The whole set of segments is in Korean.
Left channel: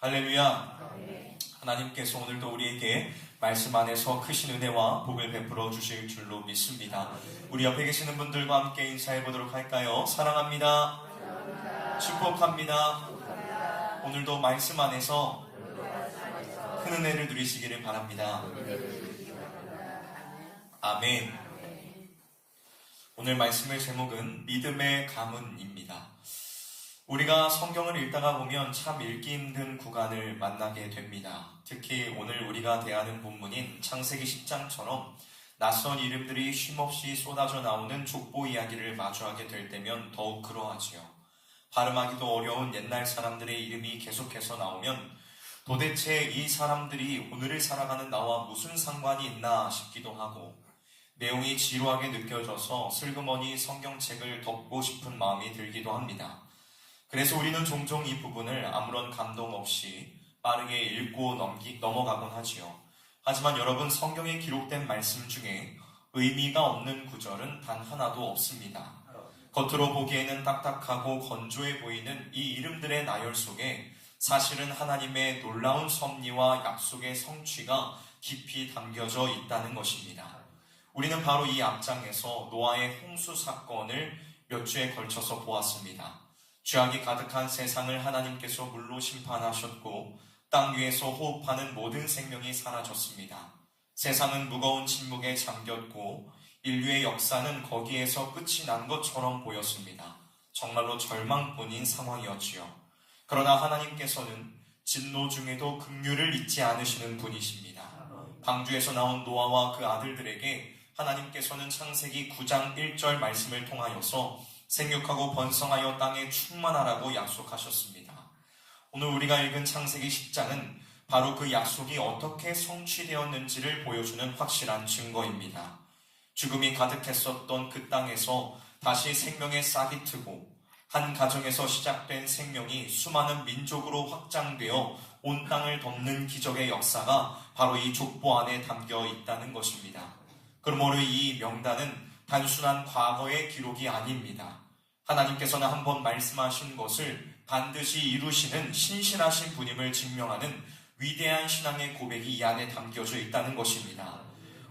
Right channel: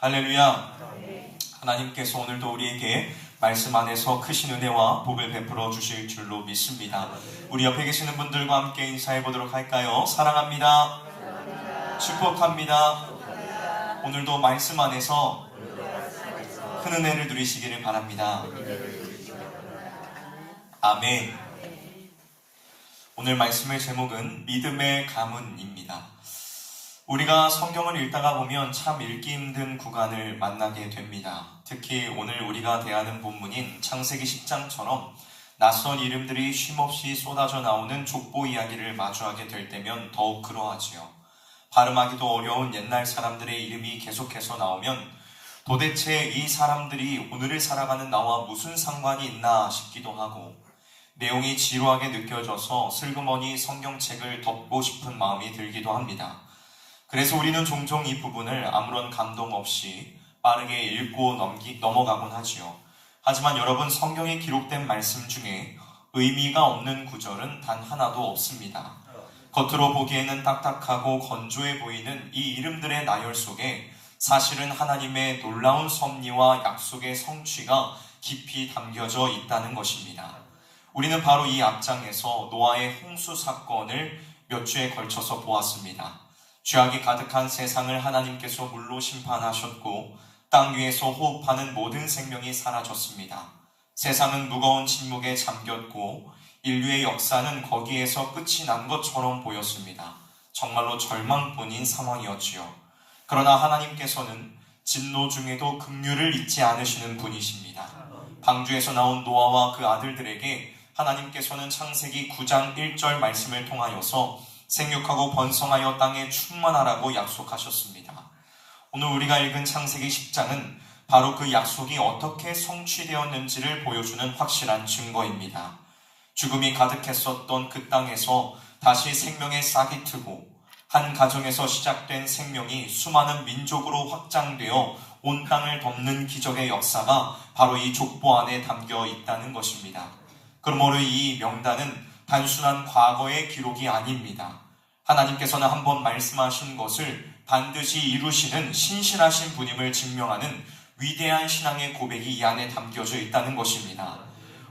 할렐루야. 하나님께서 오늘도 우리에게 말씀 안에서 크신 은혜와 복을 베풀어 주실 줄로 믿습니다. 우리 옆에 계시는 분들과 함께 인사해 보도록 할까요? 사랑합니다. 축복합니다. 오늘도 말씀 안에서 큰 은혜를 누리시기를 바랍니다. 아멘. 오늘 말씀의 제목은 믿음의 가문입니다. 우리가 성경을 읽다가 보면 참 읽기 힘든 구간을 만나게 됩니다. 특히 오늘 우리가 대하는 본문인 창세기 10장처럼 낯선 이름들이 쉼없이 쏟아져 나오는 족보 이야기를 마주하게 될 때면 더욱 그러하지요. 발음하기도 어려운 옛날 사람들의 이름이 계속해서 나오면 도대체 이 사람들이 오늘을 살아가는 나와 무슨 상관이 있나 싶기도 하고, 내용이 지루하게 느껴져서 슬그머니 성경책을 덮고 싶은 마음이 들기도 합니다. 그래서 우리는 종종 이 부분을 아무런 감동 없이 빠르게 읽고 넘어가곤 하지요. 하지만 여러분, 성경에 기록된 말씀 중에 의미가 없는 구절은 단 하나도 없습니다. 겉으로 보기에는 딱딱하고 건조해 보이는 이 이름들의 나열 속에 사실은 하나님의 놀라운 섭리와 약속의 성취가 깊이 담겨져 있다는 것입니다. 우리는 바로 이 앞장에서 노아의 홍수 사건을 몇 주에 걸쳐서 보았습니다. 죄악이 가득한 세상을 하나님께서 물로 심판하셨고 땅 위에서 호흡하는 모든 생명이 사라졌습니다. 세상은 무거운 침묵에 잠겼고 인류의 역사는 거기에서 끝이 난 것처럼 보였습니다. 정말로 절망뿐인 상황이었지요. 그러나 하나님께서는 진노 중에도 긍휼을 잊지 않으시는 분이십니다. 방주에서 나온 노아와 그 아들들에게 하나님께서는 창세기 9장 1절 말씀을 통하여서 생육하고 번성하여 땅에 충만하라고 약속하셨습니다. 오늘 우리가 읽은 창세기 10장은 바로 그 약속이 어떻게 성취되었는지를 보여주는 확실한 증거입니다. 죽음이 가득했었던 그 땅에서 다시 생명의 싹이 트고 한 가정에서 시작된 생명이 수많은 민족으로 확장되어 온 땅을 덮는 기적의 역사가 바로 이 족보 안에 담겨 있다는 것입니다. 그러므로 이 명단은 단순한 과거의 기록이 아닙니다. 하나님께서는 한번 말씀하신 것을 반드시 이루시는 신실하신 분임을 증명하는 위대한 신앙의 고백이 이 안에 담겨져 있다는 것입니다.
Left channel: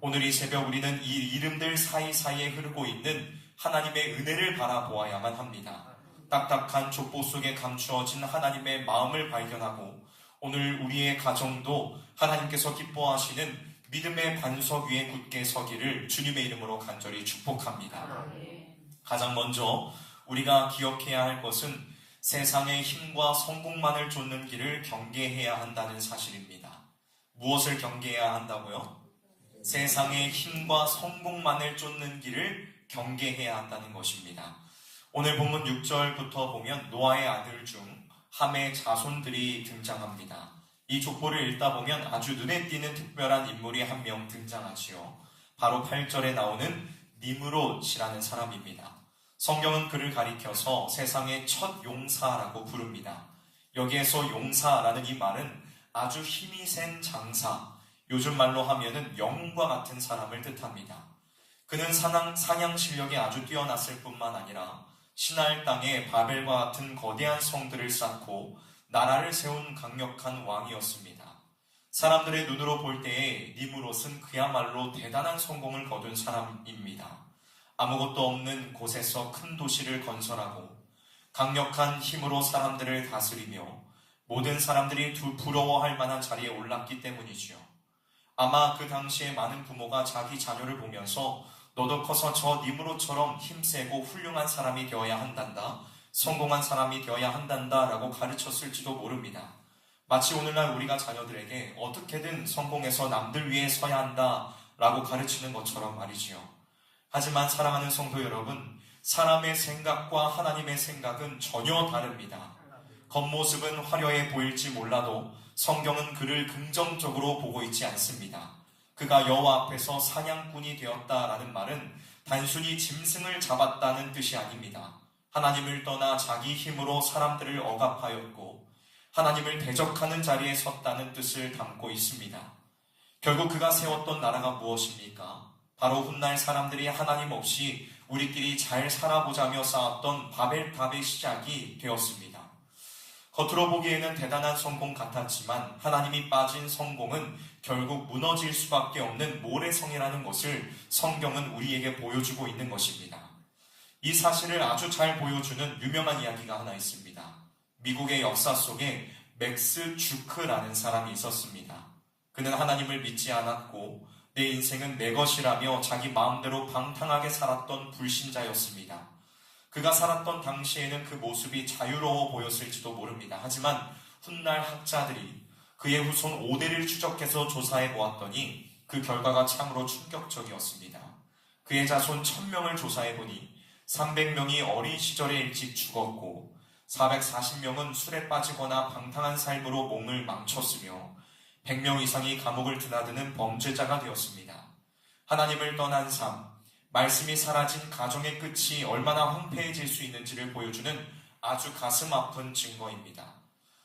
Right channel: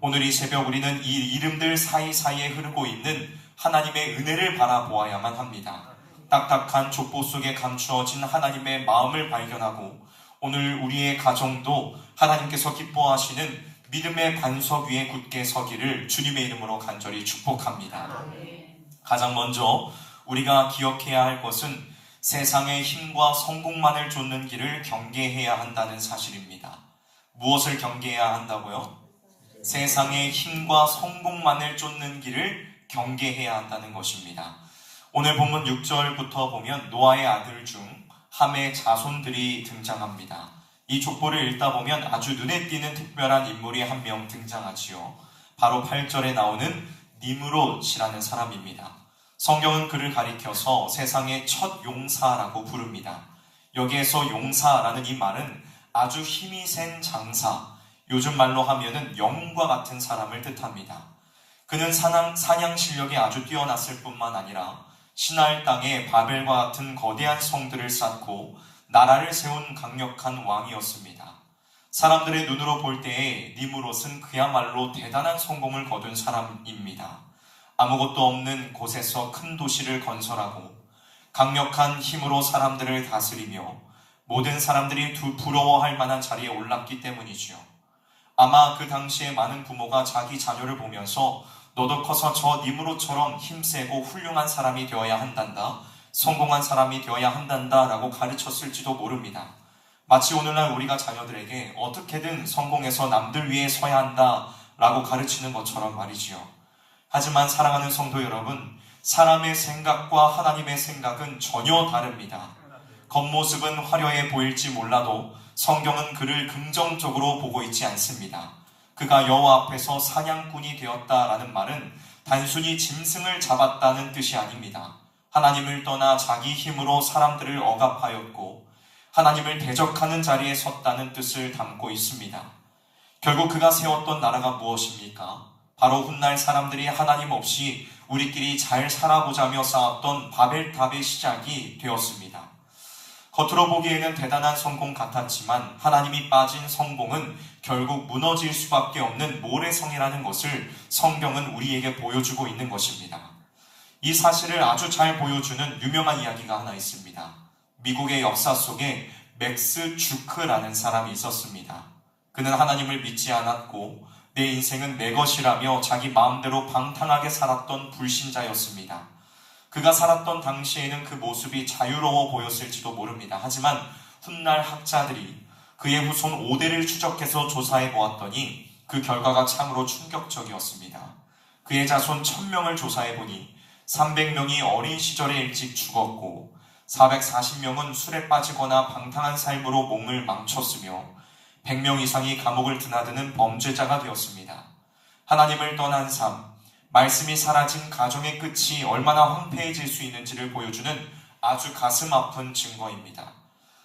오늘 이 새벽 우리는 이 이름들 사이사이에 흐르고 있는 하나님의 은혜를 바라보아야만 합니다. 딱딱한 족보 속에 감추어진 하나님의 마음을 발견하고 오늘 우리의 가정도 하나님께서 기뻐하시는 믿음의 반석 위에 굳게 서기를 주님의 이름으로 간절히 축복합니다. 가장 먼저 우리가 기억해야 할 것은 세상의 힘과 성공만을 쫓는 길을 경계해야 한다는 사실입니다. 무엇을 경계해야 한다고요? 세상의 힘과 성공만을 쫓는 길을 경계해야 한다는 것입니다. 오늘 본문 6절부터 보면 노아의 아들 중 함의 자손들이 등장합니다. 이 족보를 읽다 보면 아주 눈에 띄는 특별한 인물이 한 명 등장하지요. 바로 8절에 나오는 니므롯이라는 사람입니다. 성경은 그를 가리켜서 세상의 첫 용사라고 부릅니다. 여기에서 용사라는 이 말은 아주 힘이 센 장사, 요즘 말로 하면은 영웅과 같은 사람을 뜻합니다. 그는 사냥 실력이 아주 뛰어났을 뿐만 아니라 신할 땅에 바벨과 같은 거대한 성들을 쌓고 나라를 세운 강력한 왕이었습니다. 사람들의 눈으로 볼 때에 니므롯은 그야말로 대단한 성공을 거둔 사람입니다. 아무것도 없는 곳에서 큰 도시를 건설하고 강력한 힘으로 사람들을 다스리며 모든 사람들이 부러워할 만한 자리에 올랐기 때문이지요. 아마 그 당시에 많은 부모가 자기 자녀를 보면서 너도 커서 저 니므롯처럼 힘세고 훌륭한 사람이 되어야 한단다, 성공한 사람이 되어야 한단다 라고 가르쳤을지도 모릅니다. 마치 오늘날 우리가 자녀들에게 어떻게든 성공해서 남들 위에 서야 한다 라고 가르치는 것처럼 말이지요. 하지만 사랑하는 성도 여러분, 사람의 생각과 하나님의 생각은 전혀 다릅니다. 겉모습은 화려해 보일지 몰라도 성경은 그를 긍정적으로 보고 있지 않습니다. 그가 여호와 앞에서 사냥꾼이 되었다라는 말은 단순히 짐승을 잡았다는 뜻이 아닙니다. 하나님을 떠나 자기 힘으로 사람들을 억압하였고 하나님을 대적하는 자리에 섰다는 뜻을 담고 있습니다. 결국 그가 세웠던 나라가 무엇입니까? 바로 훗날 사람들이 하나님 없이 우리끼리 잘 살아보자며 쌓았던 바벨탑의 시작이 되었습니다. 겉으로 보기에는 대단한 성공 같았지만 하나님이 빠진 성공은 결국 무너질 수밖에 없는 모래성이라는 것을 성경은 우리에게 보여주고 있는 것입니다. 이 사실을 아주 잘 보여주는 유명한 이야기가 하나 있습니다. 미국의 역사 속에 맥스 주크라는 사람이 있었습니다. 그는 하나님을 믿지 않았고 내 인생은 내 것이라며 자기 마음대로 방탕하게 살았던 불신자였습니다. 그가 살았던 당시에는 그 모습이 자유로워 보였을지도 모릅니다. 하지만 훗날 학자들이 그의 후손 5대를 추적해서 조사해 보았더니 그 결과가 참으로 충격적이었습니다. 그의 자손 1000명을 조사해 보니 300명이 어린 시절에 일찍 죽었고 440명은 술에 빠지거나 방탕한 삶으로 몸을 망쳤으며 100명 이상이 감옥을 드나드는 범죄자가 되었습니다. 하나님을 떠난 삶, 말씀이 사라진 가정의 끝이 얼마나 황폐해질 수 있는지를 보여주는 아주 가슴 아픈 증거입니다.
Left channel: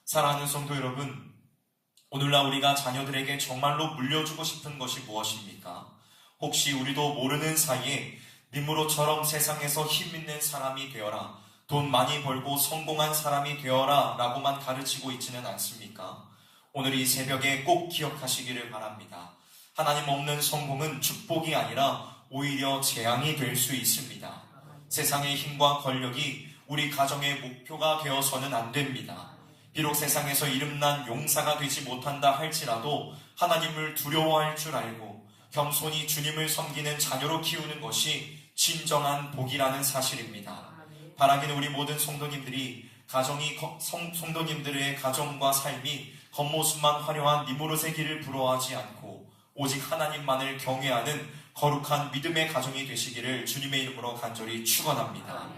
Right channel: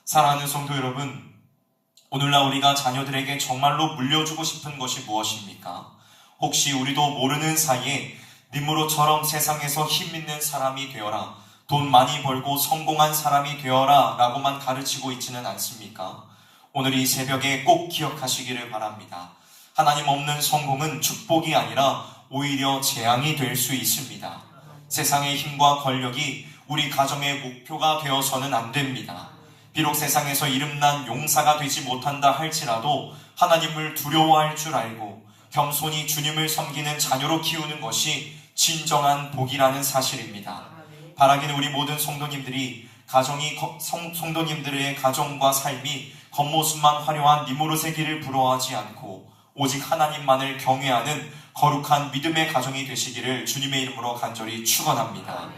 사랑하는 성도 여러분, 오늘날 우리가 자녀들에게 정말로 물려주고 싶은 것이 무엇입니까? 혹시 우리도 모르는 사이에 니므롯처럼 세상에서 힘 있는 사람이 되어라, 돈 많이 벌고 성공한 사람이 되어라 라고만 가르치고 있지는 않습니까? 오늘 이 새벽에 꼭 기억하시기를 바랍니다. 하나님 없는 성공은 축복이 아니라 오히려 재앙이 될 수 있습니다. 세상의 힘과 권력이 우리 가정의 목표가 되어서는 안 됩니다. 비록 세상에서 이름난 용사가 되지 못한다 할지라도 하나님을 두려워할 줄 알고 겸손히 주님을 섬기는 자녀로 키우는 것이 진정한 복이라는 사실입니다. 바라기는 우리 모든 성도님들이 성도님들의 가정과 삶이 겉모습만 화려한 니므롯의 길을 부러워하지 않고 오직 하나님만을 경외하는 거룩한 믿음의 가정이 되시기를 주님의 이름으로 간절히 축원합니다.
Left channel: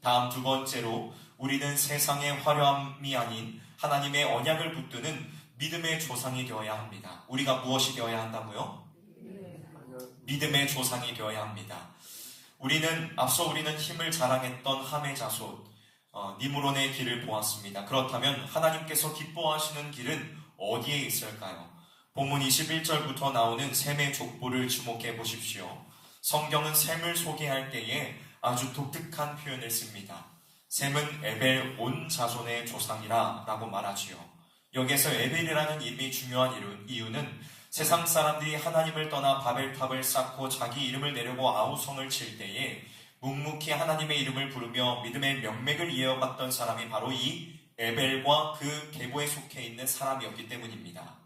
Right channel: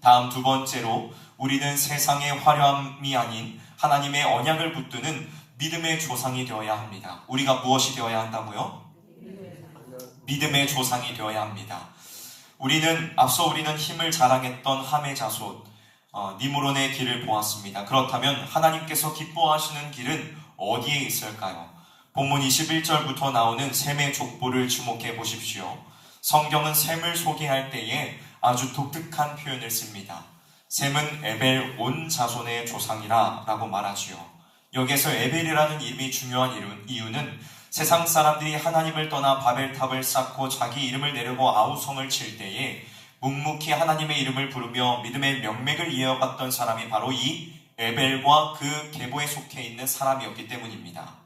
다음 두 번째로 우리는 세상의 화려함이 아닌 하나님의 언약을 붙드는 믿음의 조상이 되어야 합니다. 우리가 무엇이 되어야 한다고요? 믿음의 조상이 되어야 합니다. 앞서 우리는 힘을 자랑했던 함의 자손 니므롯의 길을 보았습니다. 그렇다면 하나님께서 기뻐하시는 길은 어디에 있을까요? 본문 21절부터 나오는 셈의 족보를 주목해 보십시오. 성경은 셈을 소개할 때에 아주 독특한 표현을 씁니다. 셈은 에벨 온 자손의 조상이라 라고 말하지요. 여기에서 에벨이라는 이름이 중요한 이유는 세상 사람들이 하나님을 떠나 바벨탑을 쌓고 자기 이름을 내려고 아우성을 칠 때에 묵묵히 하나님의 이름을 부르며 믿음의 명맥을 이어갔던 사람이 바로 이 에벨과 그 계보에 속해 있는 사람이었기 때문입니다.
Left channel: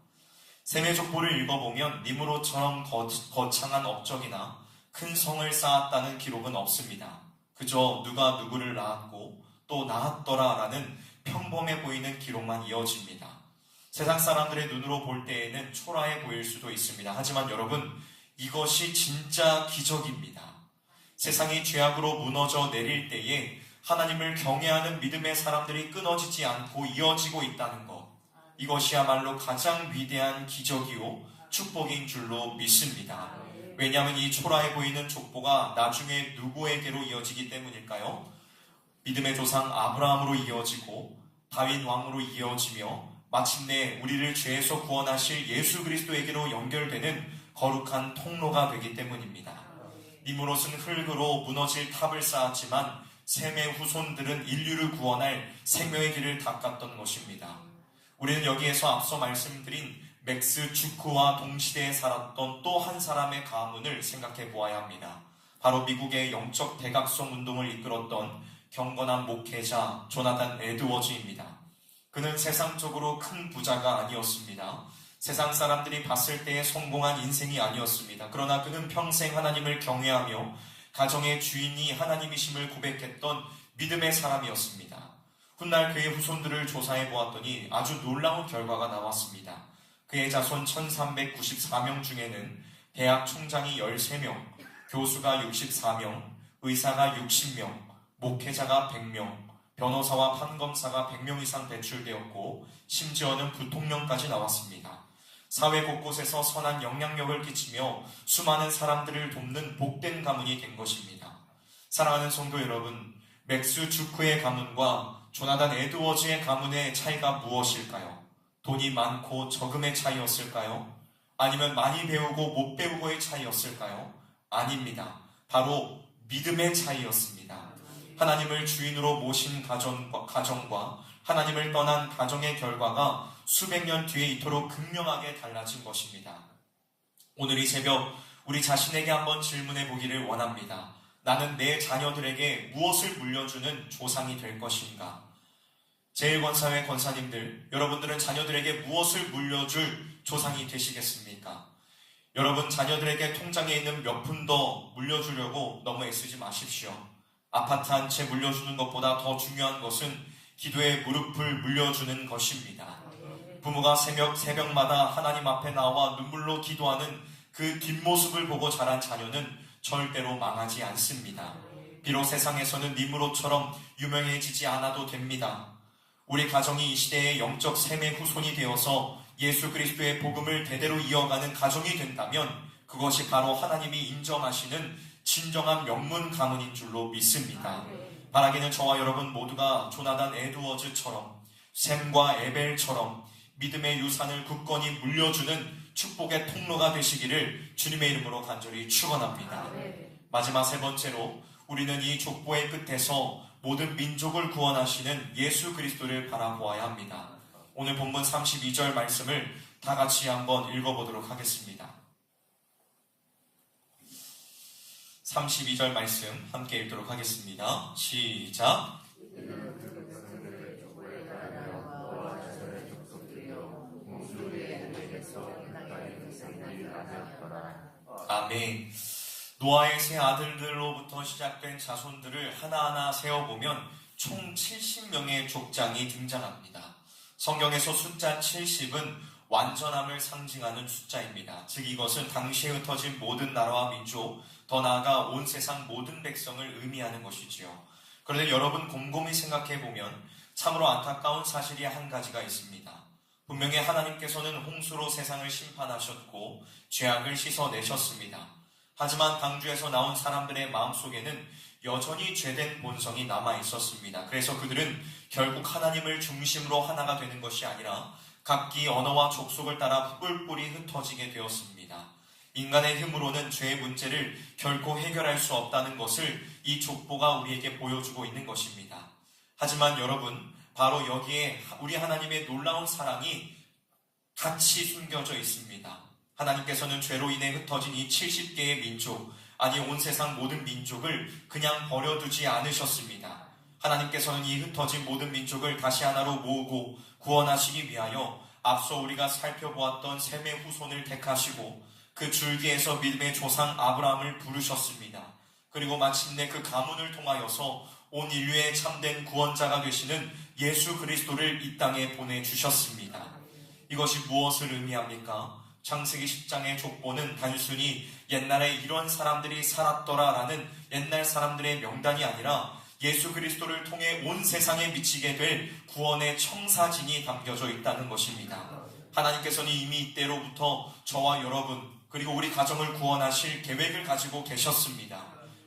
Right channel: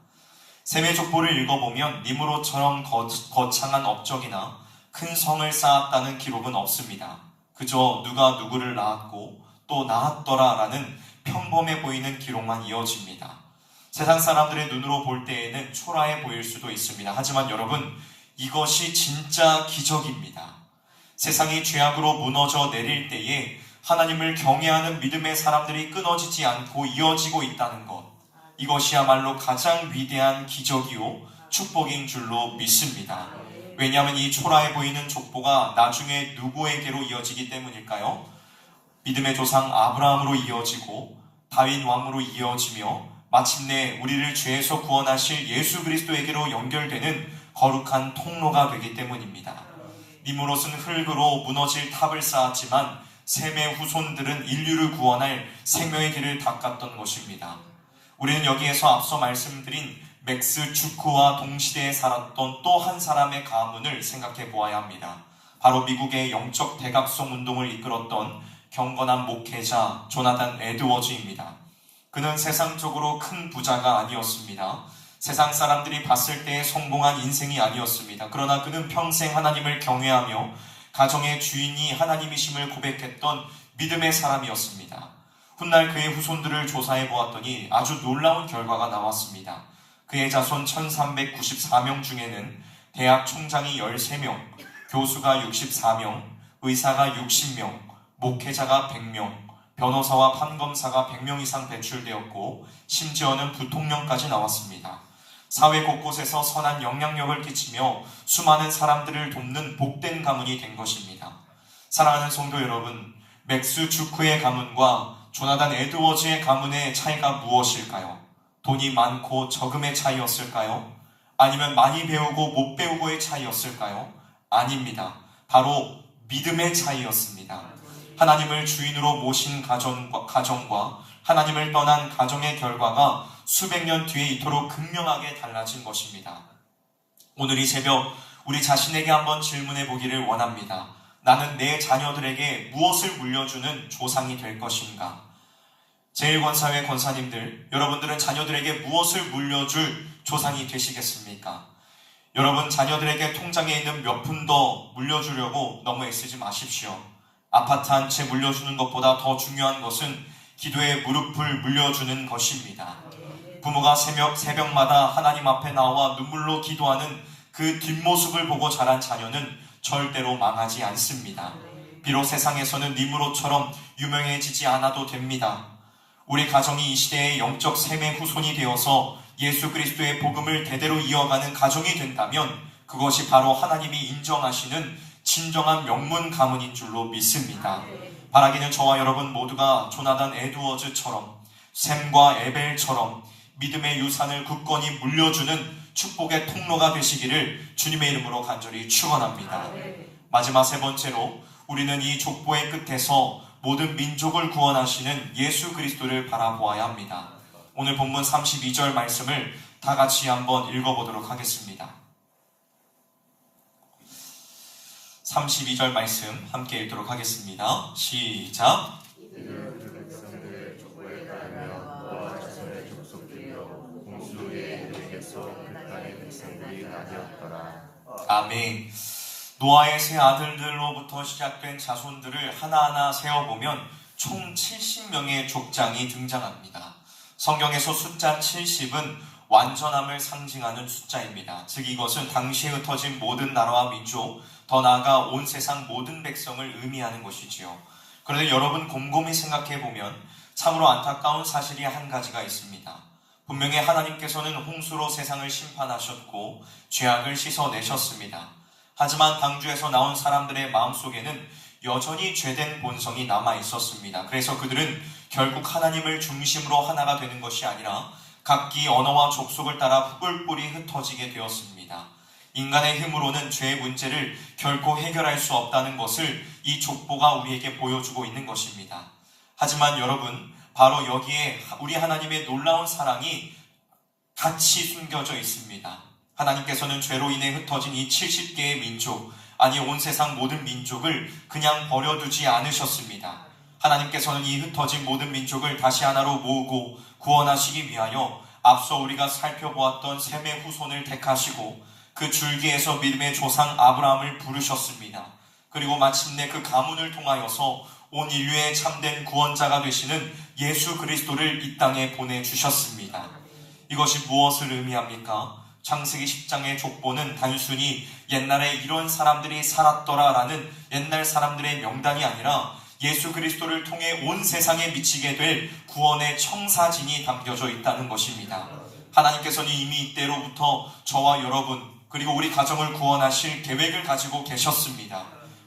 셈의 족보를 읽어보면 니므롯처럼 거창한 업적이나 큰 성을 쌓았다는 기록은 없습니다. 그저 누가 누구를 낳았고 또 낳았더라 라는 평범해 보이는 기록만 이어집니다. 세상 사람들의 눈으로 볼 때에는 초라해 보일 수도 있습니다. 하지만 여러분, 이것이 진짜 기적입니다. 세상이 죄악으로 무너져 내릴 때에 하나님을 경외하는 믿음의 사람들이 끊어지지 않고 이어지고 있다는 것, 이것이야말로 가장 위대한 기적이요 축복인 줄로 믿습니다. 왜냐하면 이 초라해 보이는 족보가 나중에 누구에게로 이어지기 때문일까요? 믿음의 조상 아브라함으로 이어지고 다윗 왕으로 이어지며 마침내 우리를 죄에서 구원하실 예수 그리스도에게로 연결되는 거룩한 통로가 되기 때문입니다. 니므롯은 흙으로 무너질 탑을 쌓았지만 셈의 후손들은 인류를 구원할 생명의 길을 닦았던 것입니다. 우리는 여기에서 앞서 말씀드린 맥스 주크와 동시대에 살았던 또 한 사람의 가문을 생각해 보아야 합니다. 바로 미국의 영적 대각성 운동을 이끌었던 경건한 목회자 조나단 에드워즈입니다. 그는 세상적으로 큰 부자가 아니었습니다. 세상 사람들이 봤을 때 성공한 인생이 아니었습니다. 그러나 그는 평생 하나님을 경외하며 가정의 주인이 하나님이심을 고백했던 믿음의 사람이었습니다. 훗날 그의 후손들을 조사해 보았더니 아주 놀라운 결과가 나왔습니다. 그의 자손 1394명 중에는 대학 총장이 13명, 교수가 64명, 의사가 60명, 목회자가 100명, 변호사와 판검사가 100명 이상 배출되었고 심지어는 부통령까지 나왔습니다. 사회 곳곳에서 선한 영향력을 끼치며 수많은 사람들을 돕는 복된 가문이 된 것입니다. 사랑하는 성도 여러분, 맥스 주크의 가문과 조나단 에드워즈의 가문의 차이가 무엇일까요? 돈이 많고 적음의 차이였을까요? 아니면 많이 배우고 못 배우고의 차이였을까요? 아닙니다. 바로 믿음의 차이였습니다. 하나님을 주인으로 모신 가정과 하나님을 떠난 가정의 결과가 수백 년 뒤에 이토록 극명하게 달라진 것입니다. 오늘 이 새벽 우리 자신에게 한번 질문해 보기를 원합니다. 나는 내 자녀들에게 무엇을 물려주는 조상이 될 것인가? 제1권사회 권사님들, 여러분들은 자녀들에게 무엇을 물려줄 조상이 되시겠습니까? 여러분 자녀들에게 통장에 있는 몇 푼 더 물려주려고 너무 애쓰지 마십시오. 아파트 한 채 물려주는 것보다 더 중요한 것은 기도의 무릎을 물려주는 것입니다. 부모가 새벽마다 하나님 앞에 나와 눈물로 기도하는 그 뒷모습을 보고 자란 자녀는 절대로 망하지 않습니다. 비록 세상에서는 니무롯처럼 유명해지지 않아도 됩니다. 우리 가정이 이 시대의 영적 셈의 후손이 되어서 예수 그리스도의 복음을 대대로 이어가는 가정이 된다면 그것이 바로 하나님이 인정하시는 진정한 명문 가문인 줄로 믿습니다. 바라기는 저와 여러분 모두가 조나단 에드워즈처럼 샘과 에벨처럼 믿음의 유산을 굳건히 물려주는 축복의 통로가 되시기를 주님의 이름으로 간절히 축원합니다. 마지막 세 번째로 우리는 이 족보의 끝에서 모든 민족을 구원하시는 예수 그리스도를 바라보아야 합니다. 오늘 본문 32절 말씀을 다 같이 한번 읽어보도록 하겠습니다. 32절 말씀 함께 읽도록 하겠습니다. 시작. 아멘. 노아의 세 아들들로부터 시작된 자손들을 하나하나 세어보면 총 70명의 족장이 등장합니다. 성경에서 숫자 70은 완전함을 상징하는 숫자입니다. 즉 이것은 당시에 흩어진 모든 나라와 민족, 더 나아가 온 세상 모든 백성을 의미하는 것이지요. 그런데 여러분 곰곰이 생각해보면 참으로 안타까운 사실이 한 가지가 있습니다. 분명히 하나님께서는 홍수로 세상을 심판하셨고 죄악을 씻어내셨습니다. 하지만 방주에서 나온 사람들의 마음속에는 여전히 죄된 본성이 남아있었습니다. 그래서 그들은 결국 하나님을 중심으로 하나가 되는 것이 아니라 각기 언어와 족속을 따라 뿔뿔이 흩어지게 되었습니다. 인간의 힘으로는 죄의 문제를 결코 해결할 수 없다는 것을 이 족보가 우리에게 보여주고 있는 것입니다. 하지만 여러분, 바로 여기에 우리 하나님의 놀라운 사랑이 같이 숨겨져 있습니다. 하나님께서는 죄로 인해 흩어진 이 70개의 민족, 아니 온 세상 모든 민족을 그냥 버려두지 않으셨습니다. 하나님께서는 이 흩어진 모든 민족을 다시 하나로 모으고 구원하시기 위하여 앞서 우리가 살펴보았던 셈의 후손을 택하시고 그 줄기에서 믿음의 조상 아브라함을 부르셨습니다. 그리고 마침내 그 가문을 통하여서 온 인류의 참된 구원자가 되시는 예수 그리스도를 이 땅에 보내주셨습니다. 이것이 무엇을 의미합니까? 창세기 10장의 족보는 단순히 옛날에 이런 사람들이 살았더라라는 옛날 사람들의 명단이 아니라 예수 그리스도를 통해 온 세상에 미치게 될 구원의 청사진이 담겨져 있다는 것입니다. 하나님께서는 이미 이때로부터 저와 여러분 그리고 우리 가정을 구원하실 계획을 가지고 계셨습니다.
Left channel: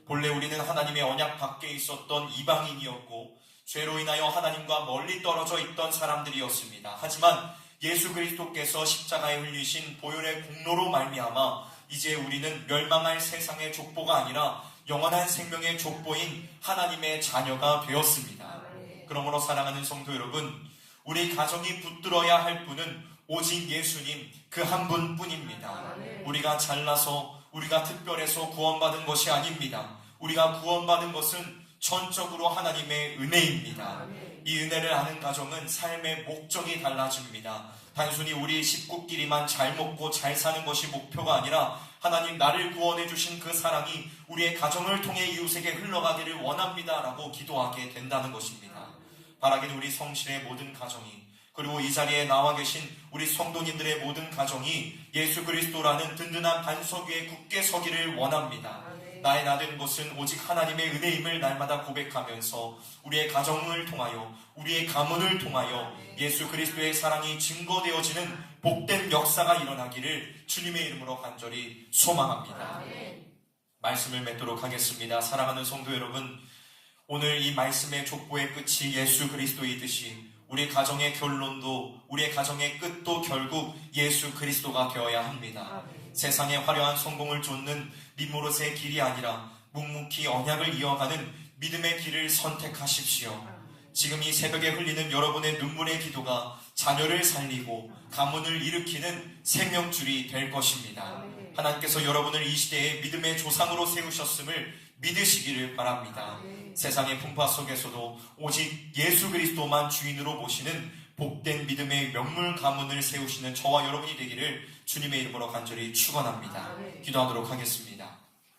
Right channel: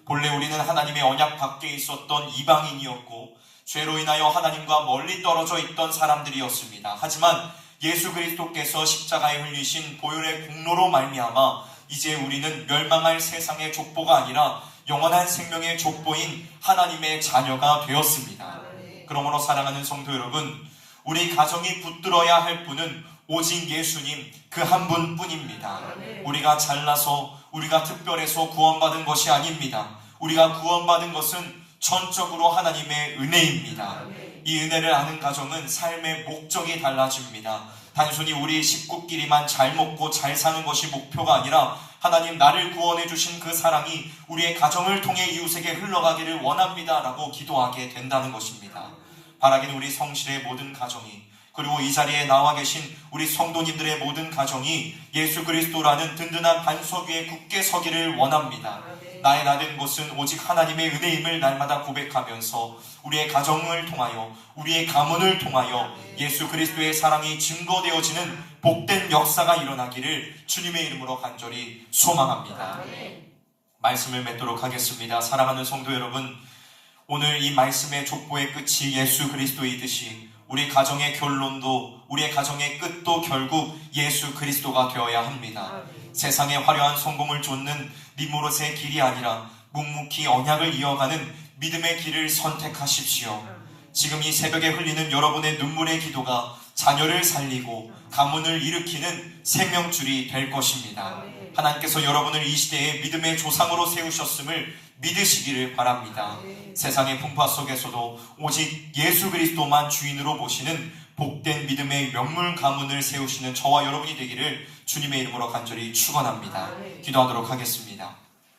본래 우리는 하나님의 언약 밖에 있었던 이방인이었고 죄로 인하여 하나님과 멀리 떨어져 있던 사람들이었습니다. 하지만 예수 그리스도께서 십자가에 흘리신 보혈의 공로로 말미암아 이제 우리는 멸망할 세상의 족보가 아니라 영원한 생명의 족보인 하나님의 자녀가 되었습니다. 그러므로 사랑하는 성도 여러분, 우리 가정이 붙들어야 할 분은 오직 예수님 그 한 분뿐입니다. 우리가 잘나서 우리가 특별해서 구원받은 것이 아닙니다. 우리가 구원받은 것은 전적으로 하나님의 은혜입니다. 이 은혜를 아는 가정은 삶의 목적이 달라집니다. 단순히 우리 식구끼리만 잘 먹고 잘 사는 것이 목표가 아니라 하나님 나를 구원해 주신 그 사랑이 우리의 가정을 통해 이웃에게 흘러가기를 원합니다 라고 기도하게 된다는 것입니다. 바라기는 우리 성실의 모든 가정이 그리고 이 자리에 나와 계신 우리 성도님들의 모든 가정이 예수 그리스도라는 든든한 반석 위에 굳게 서기를 원합니다. 나의 나된 것은 오직 하나님의 은혜임을 날마다 고백하면서 우리의 가정을 통하여 우리의 가문을 통하여 예수 그리스도의 사랑이 증거되어지는 복된 역사가 일어나기를 주님의 이름으로 간절히 소망합니다. 말씀을 맺도록 하겠습니다. 사랑하는 성도 여러분, 오늘 이 말씀의 족보의 끝이 예수 그리스도이듯이 우리 가정의 결론도 우리의 가정의 끝도 결국 예수 그리스도가 되어야 합니다. 세상의 화려한 성공을 쫓는 니무롯의 길이 아니라 묵묵히 언약을 이어가는 믿음의 길을 선택하십시오. 지금 이 새벽에 흘리는 여러분의 눈물의 기도가 자녀를 살리고 가문을 일으키는 생명줄이 될 것입니다. 하나님께서 여러분을 이 시대에 믿음의 조상으로 세우셨음을 믿으시기를 바랍니다. 세상의 풍파 속에서도 오직 예수 그리스도만 주인으로 모시는 복된 믿음의 명물 가문을 세우시는 저와 여러분이 되기를 주님의 이름으로 간절히 축원합니다. 기도하도록 하겠습니다.